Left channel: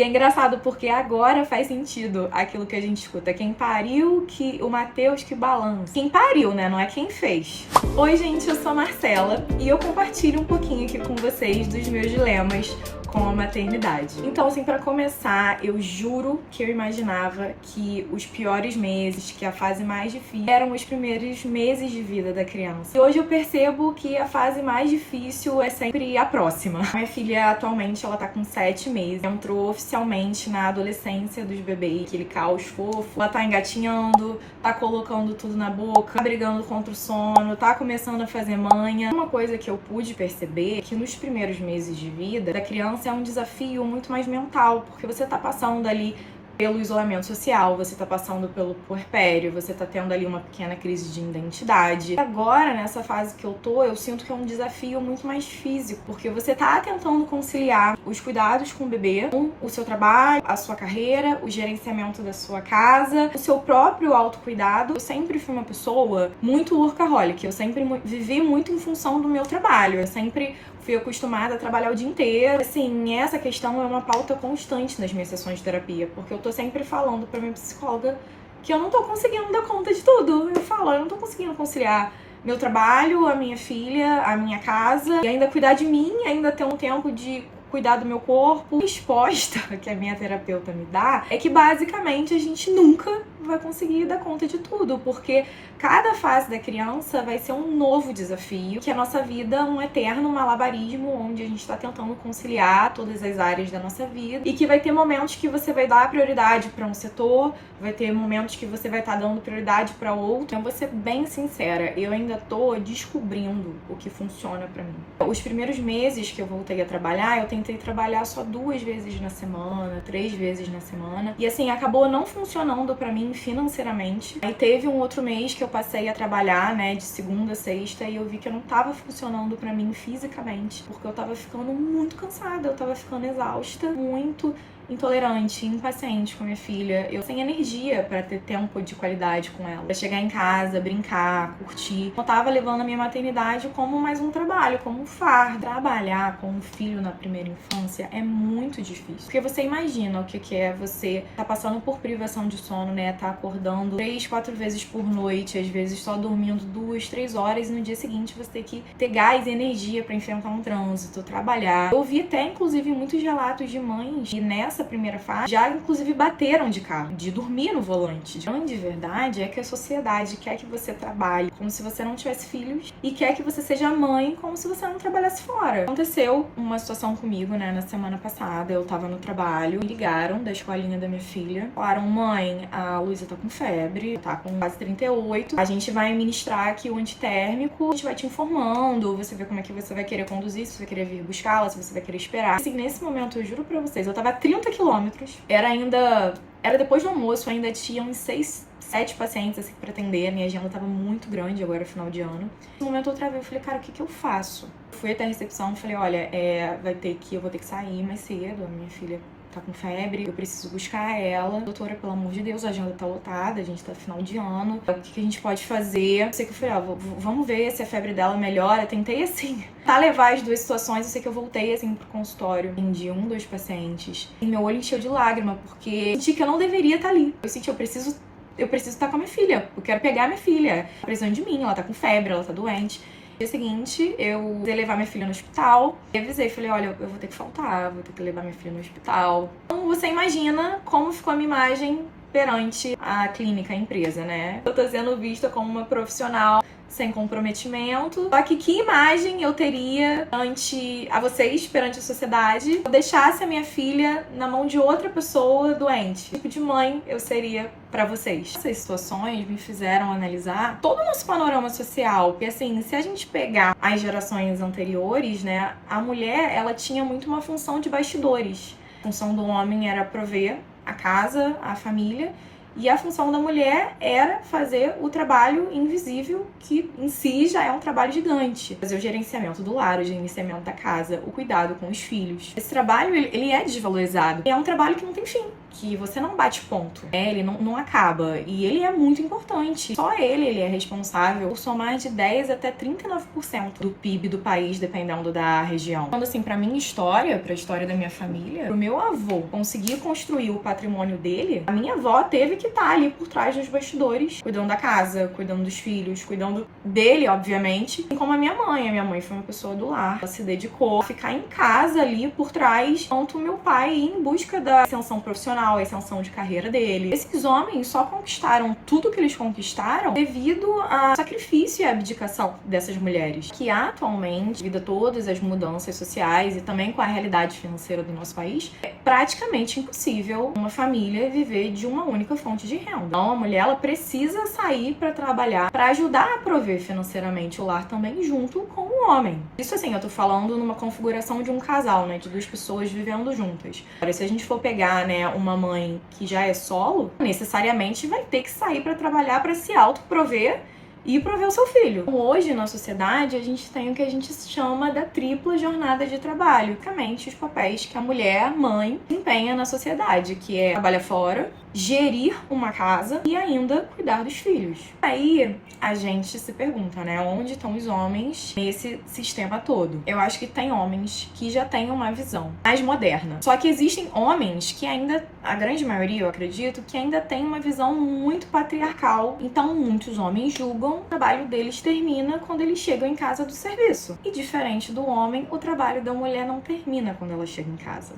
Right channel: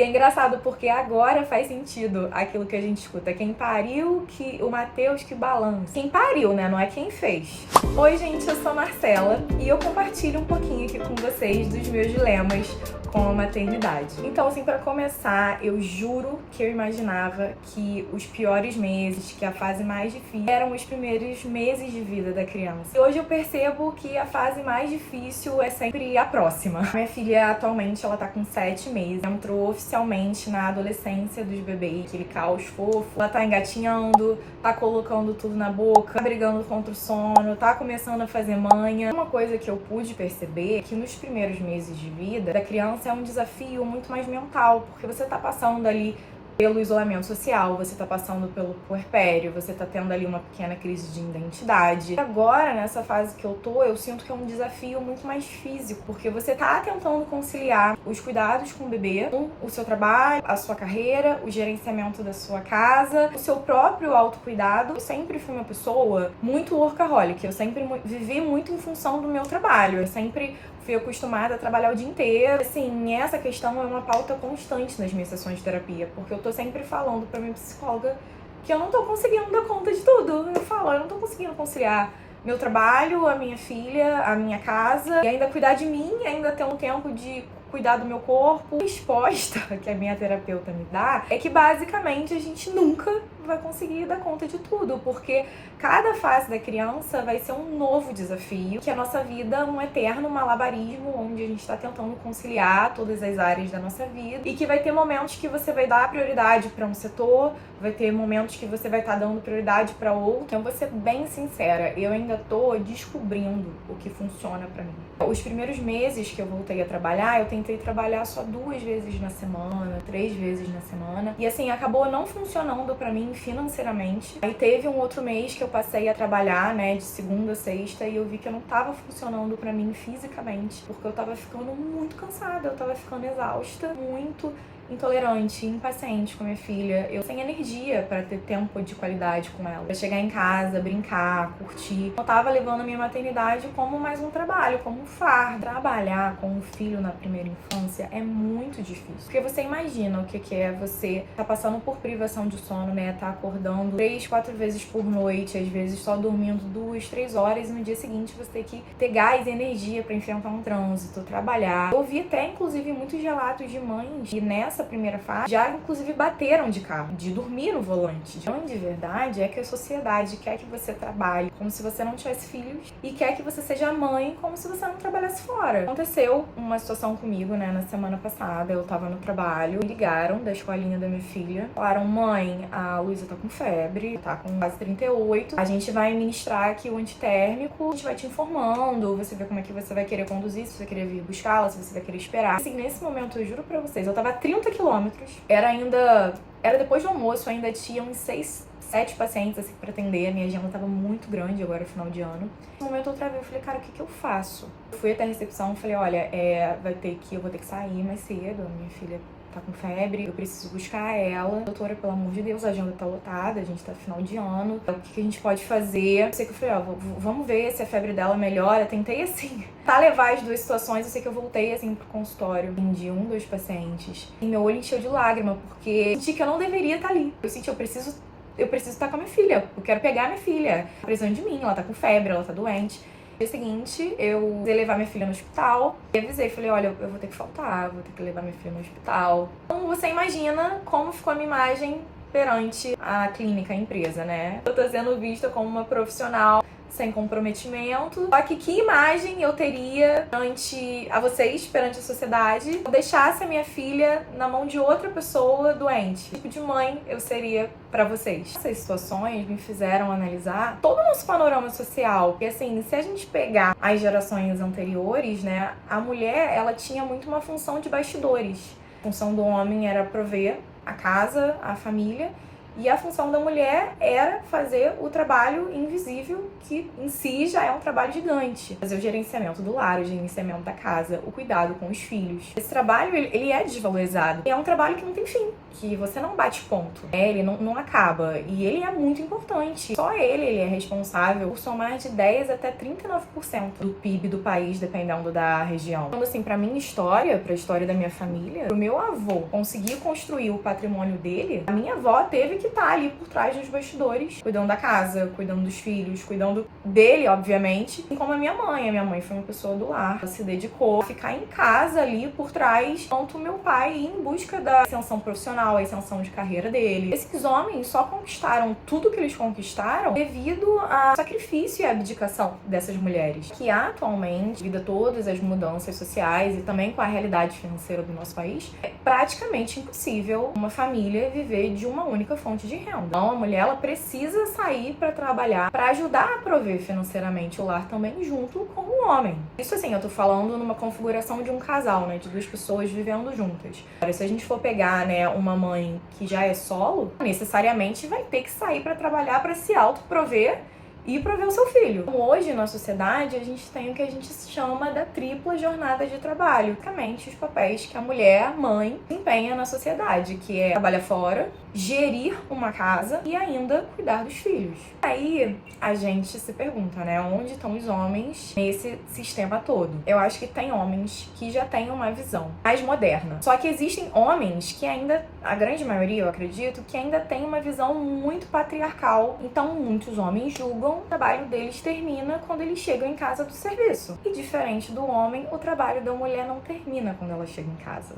E é engraçado porque agora faz sentido aquilo que a gente escuta. Quem pariu, que o Mateus que balança. Quem pariu, né? Não é quem fez. Oi, gente, eu sou a Marcela e eu compartilho um pouquinho aqui com vocês dos meus dilemas com a maternidade. Então, assim, pra começar, eu juro que eu imaginava que os piores meses, que a fase mais difícil, eram os primeiros meses de vida da criança. E hoje eu percebo que a fase mais difícil é sempre a próxima. Minha filha, atualmente, ela tá com 7 meses. Entrou oficialmente na adolescência dos bebês, aquele caos fofo. Ela tá engatinhando, tá colocando tudo na boca, tá brigando contra o sono, tá começando a fazer manha. Uma coisa que eu pude perceber é que nos primeiros meses de vida da criança é um desafio muito mais mental, porque você tá passando ali pelo isolamento social, você tá passando pelo puerpério, você tá tendo ali uma pequena crise de identidade. Agora, nessa fase que eu tô, eu sinto que é um desafio muito mais físico, porque você tá tentando conciliar os cuidados com o bebê, com o seu trabalho, a sua carreira, o gerenciamento da sua casa, o seu próprio autocuidado. Eu sempre fui uma pessoa muito workaholic, eu sempre vivi muito em função do meu trabalho, eu sempre fui acostumada a trabalhar o dia inteiro. Assim, essa questão é uma pauta constante nas minhas sessões de terapia, porque eu tô sempre falando pra minha psicóloga que eu não tô conseguindo dar conta de tudo. Eu falo, eu não tô conseguindo conciliar meu trabalho, a minha filha, a minha casa, e ainda cuidar de mim, ainda ter um tempo de cuidar do meu corpo. A resposta que a minha terapeuta me dá é que basicamente a gente nunca vai conseguir dar conta de tudo, porque cada fase da criança vai ser um novo desafio, que a nossa vida é um eterno malabarismo, onde a gente tá tentando conciliar todas as áreas da nossa vida, e que vai ter momentos que você vai dar prioridade para um setor, vai ter momentos que você vai estar dando prioridade para outro. Então, vou ser bem sincera, eu ainda tô descobrindo o que funciona para mim. Os primeiros meses que eu voltei a trabalhar, eu tentei trabalhar só 2 vezes na semana, 3 vezes na semana, e assim, acabou não funcionando para mim financeiramente. Aí teve um outro mês que eu passei a trabalhar, né, de segunda a sexta, e eu vi que eu não tava funcionando pra mim fisicamente, porque eu tava ficando muito cansada, eu tava ficando exausta, muito intolerante, impaciente com a minha filha. Eu sem energia pra ter tempo de qualidade com ela, pra chegar em casa, brincar, curtir. Eu tava levando a minha maternidade como mais um trabalho, como um fardo. Trabalhar com um filho na primeira infância é muito difícil, porque você imagina o que é você tá passando por privação de sono, né, tá acordando 3, 4 vezes por noite, às vezes só dormindo 2, 3 horas, e no dia seguinte você tem que ter gás e energia pra enfrentar um trânsito, trabalhar. Eu ouvi até, inclusive, muitos relatos de mães que nessa primeira fase já, inclusive, bateram de carro, de dormir no volante. A grande verdade é que a sociedade quer que você trabalhe como se você não tivesse filhos e quer que você seja mãe como se você não trabalhasse fora. Aconteceu uma situação comigo, né, na semana passada. Eu tava no trabalho, me ligaram da escolinha da minha filha, falaram: mãe, a Luísa tá com febre, tá com quase 38, a gente vai ministrar aqui o antitérmico, a gente vai te informando, você vê como é que você vai querer conduzir, se você vai querer vir buscá-la, se você vai querer esperar. Assim, nesse momento, eu juro pra vocês, eu tava a 30 quilômetros, era depois do almoço, ainda tinha uns 6, 7 pacientes assim pra atender, a minha agenda tava muito grande agora, final de ano. No momento eu travei, eu falei, cara, o que eu faço? Eu fui até a recepção e falei, olha, eu vou ter que sair mais cedo, a minha filha tá com febre, eu preciso buscar ela. Doutora, pelo amor de Deus, a agenda tá lotada, a gente tá final de ano, o que a gente pode fazer? Eu sei que eu falei, vamos ver se a febre dela melhora. Eu tentei, assim, levar as 2 situações. Eu sei que eu voltei, assim, pro consultório de 1, 2 pacientes, e meu olho encheu de lágrima, porque eu senti que eu não deveria estar ali. Eu senti, eu preciso estar com a minha filha, eu quero pegar a minha filha. Tá precisando de mim, ela tá com febre, ela tá doente. No dia seguinte, eu ia levar minha filha no hospital. E avisei, falei, olha, eu vou ter que faltar, vou ter que levar minha filha no hospital. Então, você imagina como ficou a minha imagem perante a clínica, a empresa, né? Eu tô sendo vista como uma profissional sem comprometimento. Só que imagem eu teria perante a vocês, perante a sociedade, se eu deixasse a minha filha na mão de outra pessoa doente? Que tipo de mãe eu seria pra vocês? Essas situações me fizeram analisar todo o nosso panorama social. Porque assim, se a gente pegar as gerações anteriores, né, a mulher, ela tinha muito uma função de bastidores. A função do homem era prover a casa, a família, E a função da mulher era fazer o trabalho invisível, que em si já é um trabalho gigante. Fazer o gerenciamento do lar, o gerenciamento da casa, o cuidado com os filhos. Esse trabalho, ele é desvalorizado. É um trabalho que não tem fim, que você não bate ponto, né? Ele não acaba. E ele é muito importante. Só ele é responsável por somar de 10 até 39% do PIB do país, dependendo da região. Então, assim, pra minha história, pra história da minha família, pro meu avô conseguir construir o patrimônio dele, a minha avó teve que estar ali por trás dos bastidores, cuidando da casa, cuidando dos filhos, cuidando dele, obviamente. E como a minha mãe foi uma pessoa do lar, ela se dedicou a ficar em casa ali por trás, enquanto meu pai ia em busca da ascensão profissional, a ascensão de carreira dele. Esses homens só conquistaram tudo que eles conquistaram devido ao sacrifício e à abdicação dessas mulheres, que atualmente, devido a todas as mudanças sociais e também com a realidade financeira do nosso país, é praticamente impossível uma família viver de uma única fonte de renda. Então, a mulher, ela precisa sair para trabalhar, para ajudar a prover financeiramente o lar também, junto com o homem. Isso, assim, eu tô falando numa configuração de um casal, né, de duas pessoas vivendo juntas. Agora, se a gente for pegar, né, uma mãe que já é solo, necessariamente vai ter que sair para trabalhar, para se autoprover e prover o seu filho. Hoje, na sociedade, a gente tem o que a gente chama da tripla jornada de trabalho. Basicamente, os papéis que a mulher, mãe, desempenha na sociedade, que é trabalhar fora, gerir uma casa e ainda cuidar dos filhos. Aí, a gente se pergunta, né, onde estão os homens nesse sistema todo? Eu acho que tem homens que já têm uma visão mais moderna. Só que existem homens que ainda, a grande maioria, eu acredito, que ainda tem uma visão muito patriarcal. Então, muitos homens julgam o trabalho deles termina quando eles chegam em casa do serviço. E diferente do homem, o trabalho da mulher não termina quando ela chega em casa.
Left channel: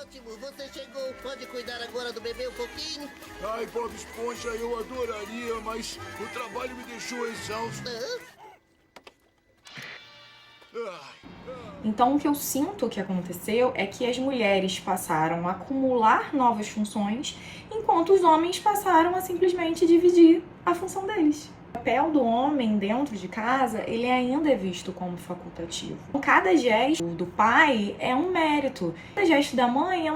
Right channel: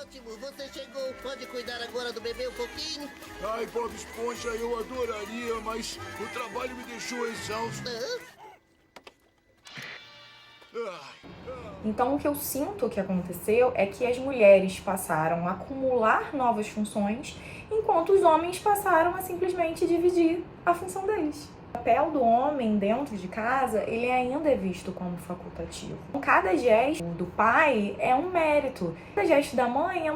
Ótimo, você chegou. Pode cuidar agora do bebê um pouquinho? Ai, Bob Esponja, eu adoraria, mas o trabalho me deixou exausto. Então, o que eu sinto que aconteceu é que as mulheres passaram a acumular novas funções, enquanto os homens passaram a simplesmente dividir a função deles. O papel do homem dentro de casa, ele ainda é visto como facultativo. Cada gesto do pai é um mérito. Cada gesto da mãe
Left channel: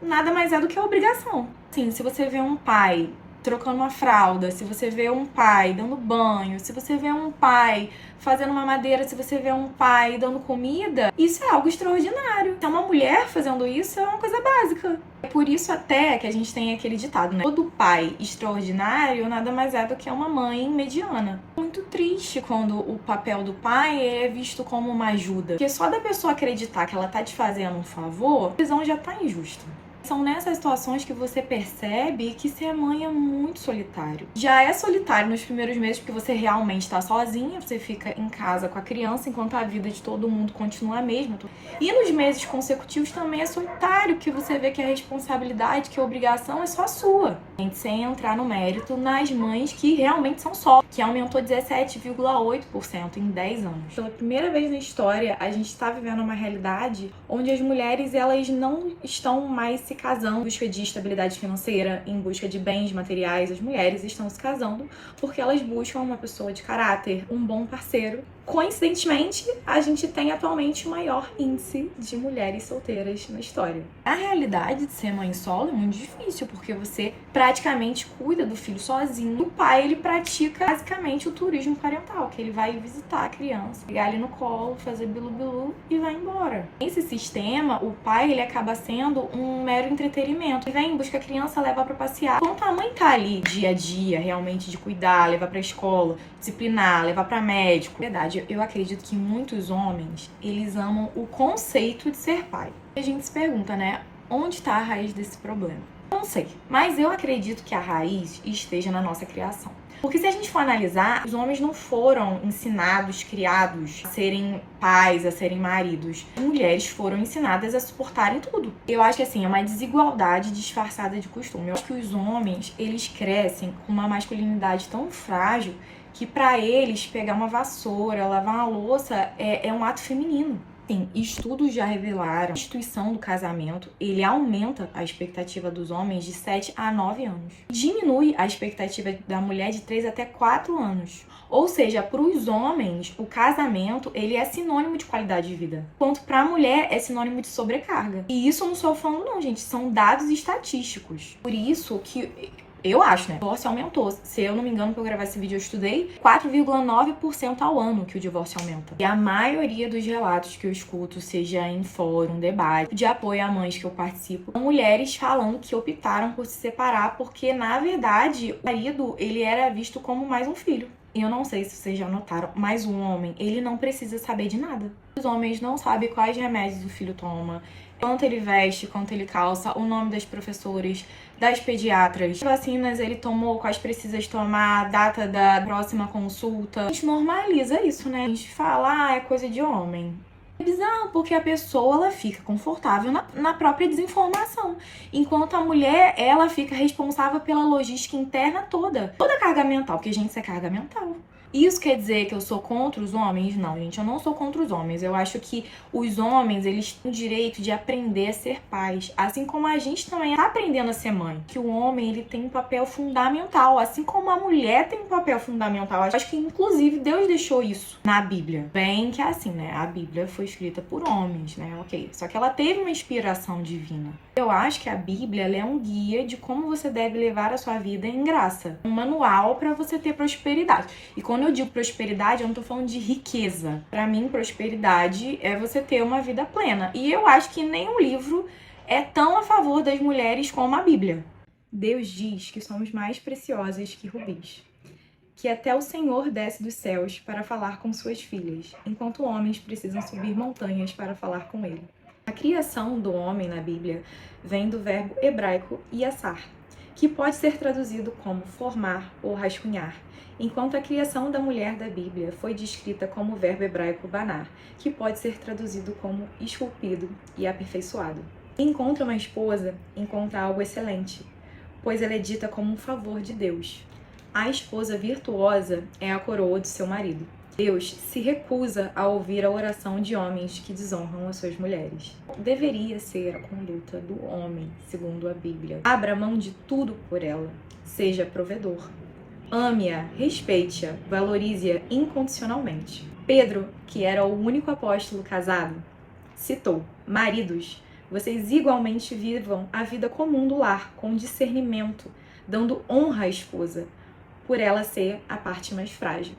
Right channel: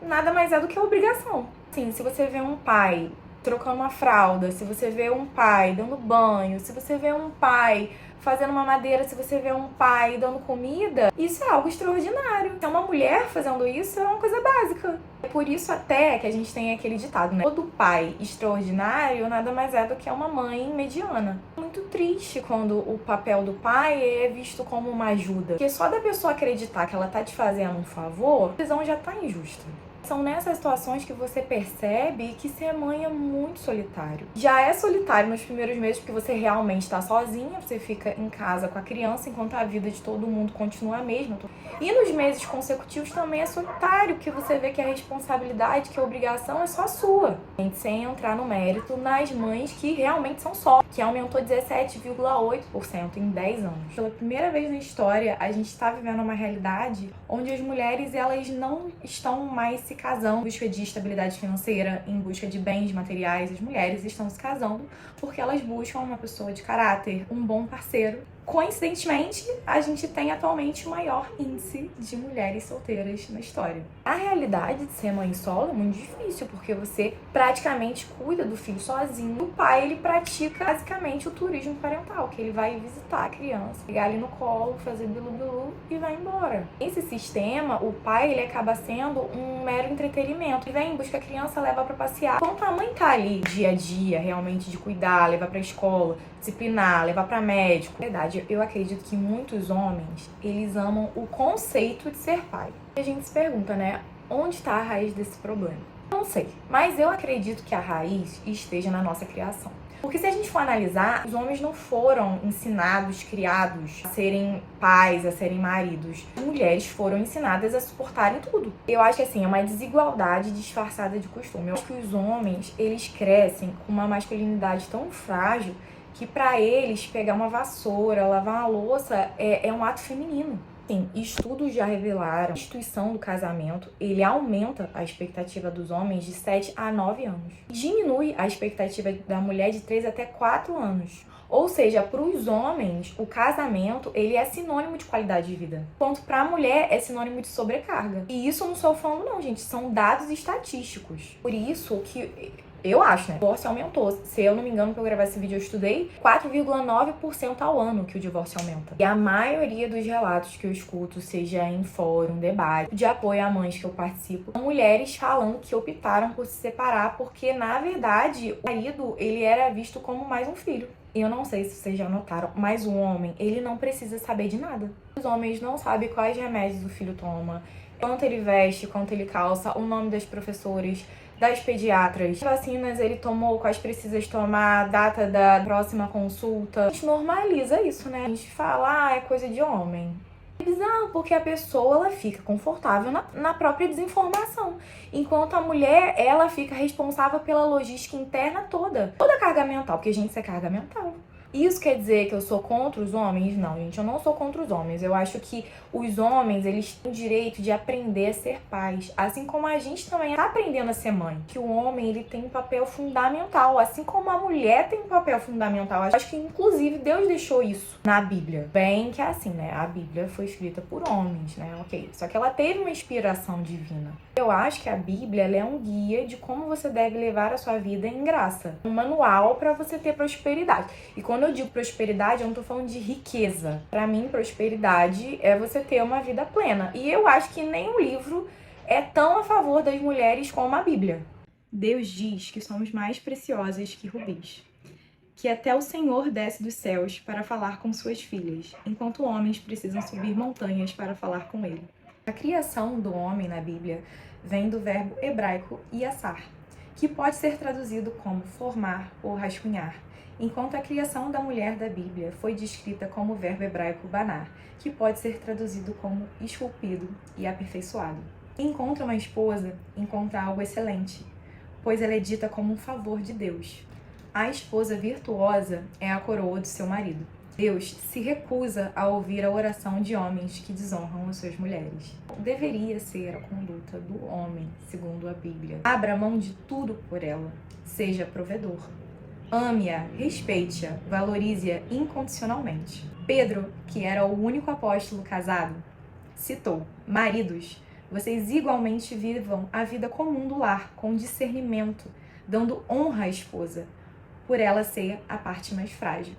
nada mais é do que a obrigação. Assim, se você vê um pai trocando uma fralda, se você vê um pai dando banho, se você vê um pai fazendo uma madeira, se você vê um pai dando comida, isso é algo extraordinário. Então, uma mulher fazendo isso é uma coisa básica. É por isso até que a gente tem aquele ditado, né? Todo pai extraordinário nada mais é do que uma mãe mediana. Muito triste quando o papel do pai é visto como uma ajuda. Porque só da pessoa acreditar que ela tá te fazendo um favor, a visão já tá injusta. São nessas situações que você percebe que ser mãe é muito solitário. Já é solitário nos primeiros meses porque você realmente está sozinha, você fica em casa com a criança enquanto a vida de todo mundo continua a mesma. E nos meses consecutivos também é solitário, porque você vê que a responsabilidade, que a obrigação é só sua. Sem entrar no mérito nas mães que realmente são só, que aumentou 17,8% em 10 anos. Pela primeira vez na história, a gente está vivendo uma realidade onde as mulheres, elas não estão mais se casando em busca de estabilidade financeira, em busca de bens materiais. As mulheres estão se casando porque elas buscam uma pessoa de caráter, um bom parceiro. Coincidentemente, a gente tem atualmente o maior índice de mulheres solteiras na história. A realidade de ser mãe solo é muito difícil, porque você praticamente cuida do filho sozinho. O pai, ele pratica basicamente o turismo parental, que ele vai visitar a criança, pegar ali no colo, fazer bilu-bilu e vai embora. Nesse sistema, o pai, ele acaba sendo um mero entretenimento. Ele vem, busca a criança, leva pra passear. Enquanto a mãe tá ali dia a dia, realmente de cuidar, levar pra escola, disciplinar, levar pra médico. Na verdade, eu acredito que muitos homens, eles amam o conceito de ser pai. A gente se pergunta, né, onde está a raiz desse problema? Não sei, mas eu acredito que a raiz esteja na nossa criação. Porque se a gente for analisar, os homens não foram ensinados, criados a serem pais, a serem maridos. As mulheres foram ensinadas a suportarem tudo. Eu acho que assim, é uma desigualdade disfarçada de costume. Eu acho que os homens, eles crescem com uma masculinidade tão frágil que pra eles pegar uma vassoura, lavar uma louça é um ato feminino. Sim, estudos já revelaram que a instituição do casamento, ele aumenta a expectativa dos homens de 7 a 9 anos. Diminui a expectativa da mulher de 3 até 4 anos. Ou seja, para os homens, o casamento, ele é sinônimo de qualidade de vida. Enquanto para a mulher, é sinônimo de sobrecarga. E isso eu não estou falando não, gente. São dados estatísticos. Por isso que Eu acho, né? O divórcio aumentou. Se eu não me engano, pra eu gravar esse vídeo, eu estudei 4,9% ao ano que o divórcio aumenta. E a maioria dos relatos que eu escuto, seja em fórum, debate, de apoio a mães que eu participo, são mulheres falando que optaram por se separar porque, na verdade, o marido, ele era visto como mais um filho. Eu não sei se vocês já notaram, mas o homem, ele não precisa saber de nada. Os homens não sabem quais remédios o filho toma, quanto ele veste, quanto ele calça, o nome das professoras, das pediatras, que vacinas ele tomou, quais precisa tomar, data da próxima consulta. A gente normaliza isso, né? A gente fala, é coisa de homem. É bizarro, porque a pessoa, ela fica confortável na própria desinformação. Enquanto a mulher, ela fica responsável pela logística interna toda. Toda a carga mental, porque, gente, isso é carga mental. Isso quer dizer que eu sou contra os homens? Não, gente, eu não sou contra os homens. Eu acho que os homens, eles têm o direito de aprender a ser pais. Assim como a gente também está aprendendo a ser mãe. Que o homem, ele tem um papel fundamental. Assim como a mulher tem um papel fundamental. Eu acho que, inclusive, Deus deixou isso na Bíblia. Bem que é assim, né? A Bíblia foi escrita por homens, né? Ok. Só que ela teve uma inspiração divina. Eu acho que a Bíblia, ela é um guia de como você deve levar a sua vida em graça. Um manual para você ter prosperidade. E quando eu digo prosperidade, eu não tô falando de riqueza. Pra mim, prosperidade é você ter uma vida plena. E eu acho que nenhum livro é tão a favor das mulheres como a Bíblia. Deus diz que somos mais preciosas que rubis, que até o Senhor desce dos céus para falar com suas filhas, enquanto homens precisam subir montanhas para falar com ele. A criação do homem na Bíblia vem do verbo hebraico yassar, que pode ser traduzido como formar ou rascunhar, enquanto a criação da mulher da Bíblia foi descrita como o verbo hebraico banar, que pode ser traduzido como esculpido e aperfeiçoado. Quem encontra uma esposa, encontra algo excelente, pois ela é dita como um favor de Deus. A esposa virtuosa é a coroa do seu marido. Deus se recusa a ouvir a oração de homens que desonram as suas mulheres. Deveria ser a conduta do homem, segundo a Bíblia. Abra mão de tudo por ela, seja provedor. Ame-a, respeite-a, valorize-a incondicionalmente. Pedro, que era o único apóstolo casado, citou: maridos, vocês igualmente vivam a vida comum do lar, com discernimento, dando honra à esposa, por ela ser a parte mais frágil.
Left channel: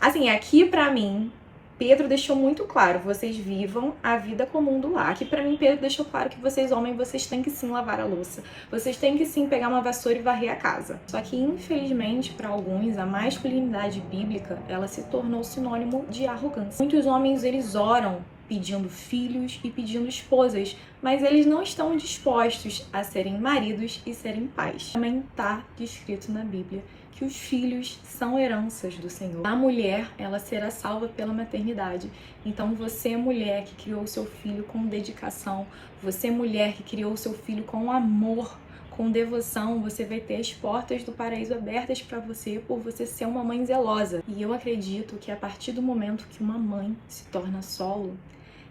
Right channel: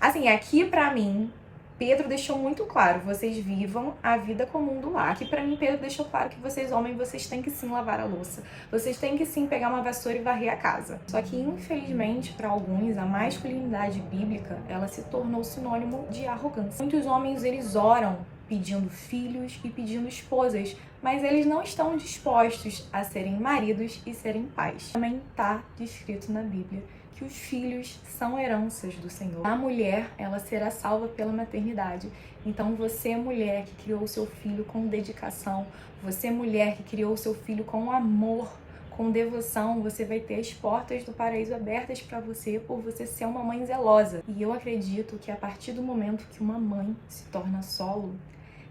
Assim, aqui pra mim, Pedro deixou muito claro, vocês vivam a vida comum do lar. Aqui pra mim, Pedro deixou claro que vocês, homens, vocês têm que sim lavar a louça. Vocês têm que sim pegar uma vassoura e varrer a casa. Só que, infelizmente, para alguns, a masculinidade bíblica, ela se tornou sinônimo de arrogância. Muitos homens, eles oram pedindo filhos e pedindo esposas, mas eles não estão dispostos a serem maridos e serem pais. Também está descrito na Bíblia que os filhos são heranças do Senhor. A mulher, ela será salva pela maternidade. Então você, mulher que criou o seu filho com dedicação, você, mulher que criou o seu filho com amor, com devoção, você vai ter as portas do paraíso abertas para você por você ser uma mãe zelosa. E eu acredito que a partir do momento que uma mãe se torna solo,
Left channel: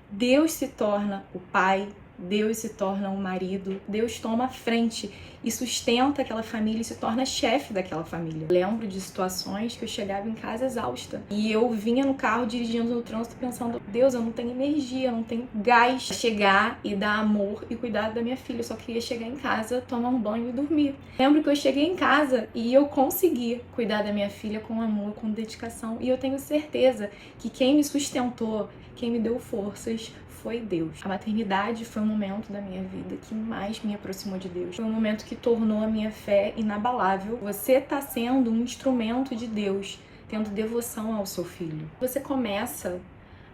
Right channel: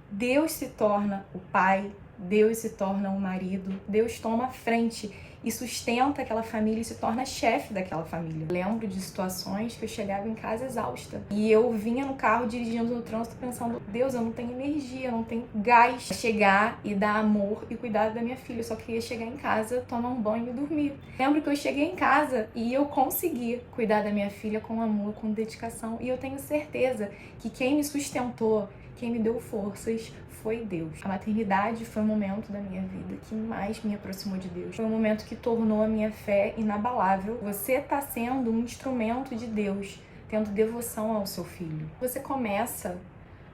Deus se torna o pai, Deus se torna o marido, Deus toma a frente e sustenta aquela família e se torna chefe daquela família. Lembro de situações que eu chegava em casa exausta e eu vinha no carro dirigindo no trânsito pensando: Deus, eu não tenho energia, eu não tenho gás pra chegar e dar amor e cuidar da minha filha. Eu só queria chegar em casa, tomar um banho e dormir. Lembro que eu cheguei em casa e eu consegui cuidar da minha filha com amor, com dedicação, e eu tenho certeza que quem me sustentou, quem me deu forças, foi Deus. A maternidade foi um momento da minha vida que mais me aproximou de Deus. Foi um momento que tornou a minha fé inabalável. Você está sendo um instrumento de Deus, tendo devoção ao seu filho. Você começa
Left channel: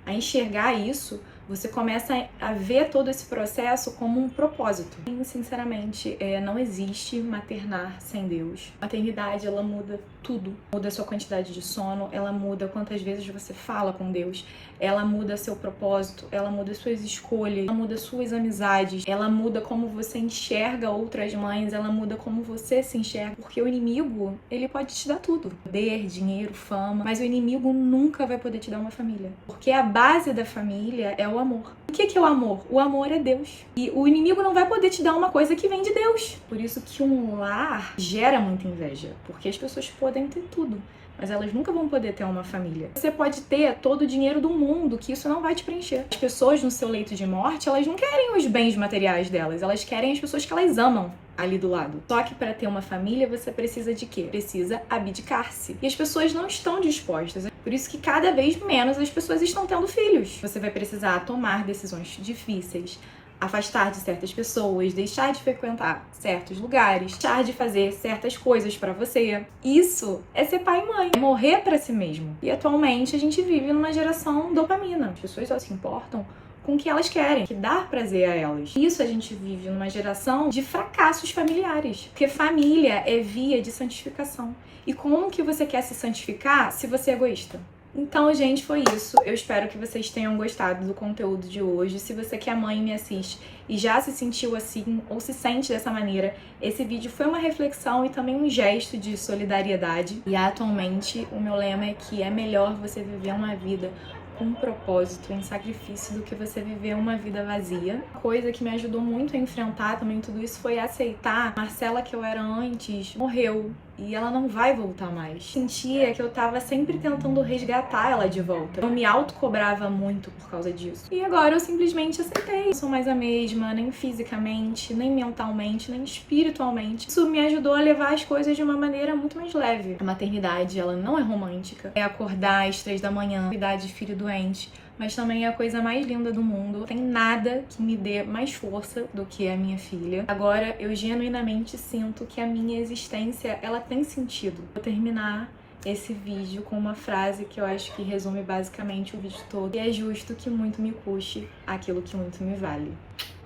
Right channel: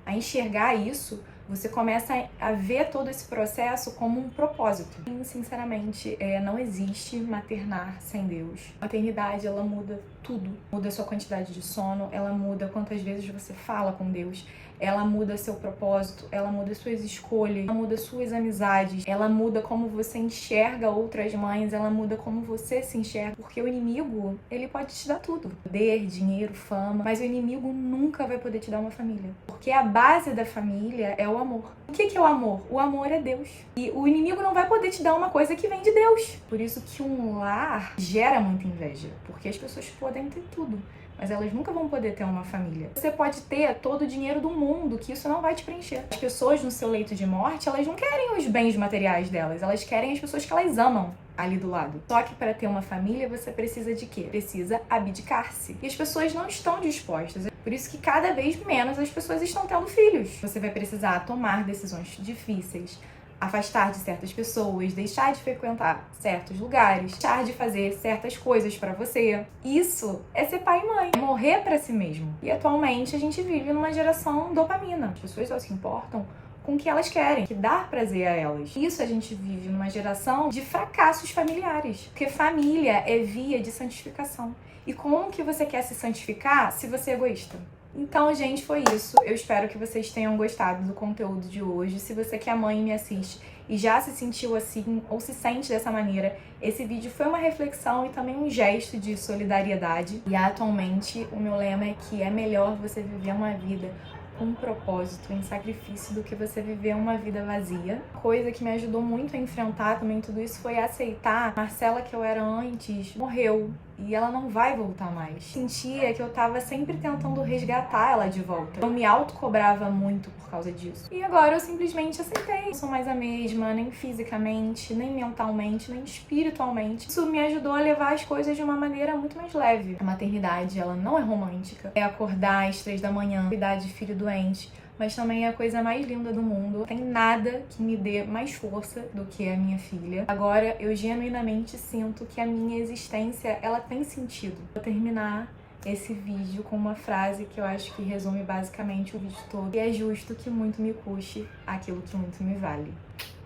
a enxergar isso, você começa a ver todo esse processo como um propósito. E, sinceramente, não existe maternar sem Deus. A maternidade, ela muda tudo. Muda a sua quantidade de sono, ela muda quantas vezes você fala com Deus, ela muda seu propósito, ela muda suas escolhas, ela muda suas amizades, ela muda como você enxerga outras mães, ela muda como você se enxerga. Porque o inimigo, ele pode te dar tudo. Poder, dinheiro, fama, mas o inimigo nunca vai poder te dar uma família. Porque a base da família é o amor. O que é o amor? O amor é Deus. E o inimigo não vai poder te dar uma coisa que vem de Deus. Por isso que um lar gera muita inveja. Porque as pessoas podem ter tudo, mas elas nunca vão poder ter uma família. Você pode ter todo o dinheiro do mundo, que isso não vai te preencher. As pessoas no seu leito de morte, elas não querem os bens materiais delas, elas querem as pessoas que elas amam ali do lado. Só que para ter uma família, você precisa de quê? Precisa abdicar-se. E as pessoas não estão dispostas. Por isso que cada vez menos as pessoas estão tendo filhos. Você vai precisar tomar decisões difíceis, afastar de certas pessoas, deixar de frequentar certos lugares, deixar de fazer certas coisas pra você. Isso é ser pai e mãe, é morrer pra si mesmo. E atualmente a gente vive numa geração dopamina. As pessoas só se importam com o que elas querem, que dá prazer a elas. Isso a gente vive numa geração de fracassos familiares, porque família é via de santificação. E como que você quer se santificar se você é egoísta? Então, gente, foi isso. Eu espero que vocês tenham gostado do conteúdo de hoje. Se você que é mãe e me assiste e já se sentiu assim ou se sente dessa maneira, esse vídeo foi uma reflexão e também um gesto de solidariedade. E atualmente o meu lema é que é melhor você viver uma vida com um propósito, em sacrifício, do que você viver uma vida vazia. Coisa que me ajudou muito a enfrentar também tudo isso foi aceitar a Marcela que eu era antes morreu. E ela não vai voltar mais. Sentia que eu tava sempre tentando resgatar ela de volta. Eu me autocobrava muito por causa disso. E agora eu simplesmente aceitei. Não sou mais a mesma, nem fisicamente, nem mentalmente, nem espiritualmente. Isso me ajudou a levar as coisas de uma maneira muito mais leve. A maternidade, ela não é romântica. É acordar às 3 da manhã, cuidar de filho doente, mas também é a coisa mais linda do mundo. Não tem nada que me dê mais força do que a minha filha. Agora, eu genuinamente sinto que a minha existência, ela tem sentido. Vou terminar esse vídeo com uma frase que eu acho que resume basicamente o vídeo todo. E é justo que muito me custe aquilo que muito me vale.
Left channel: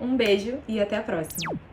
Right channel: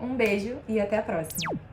Um beijo e até a próxima!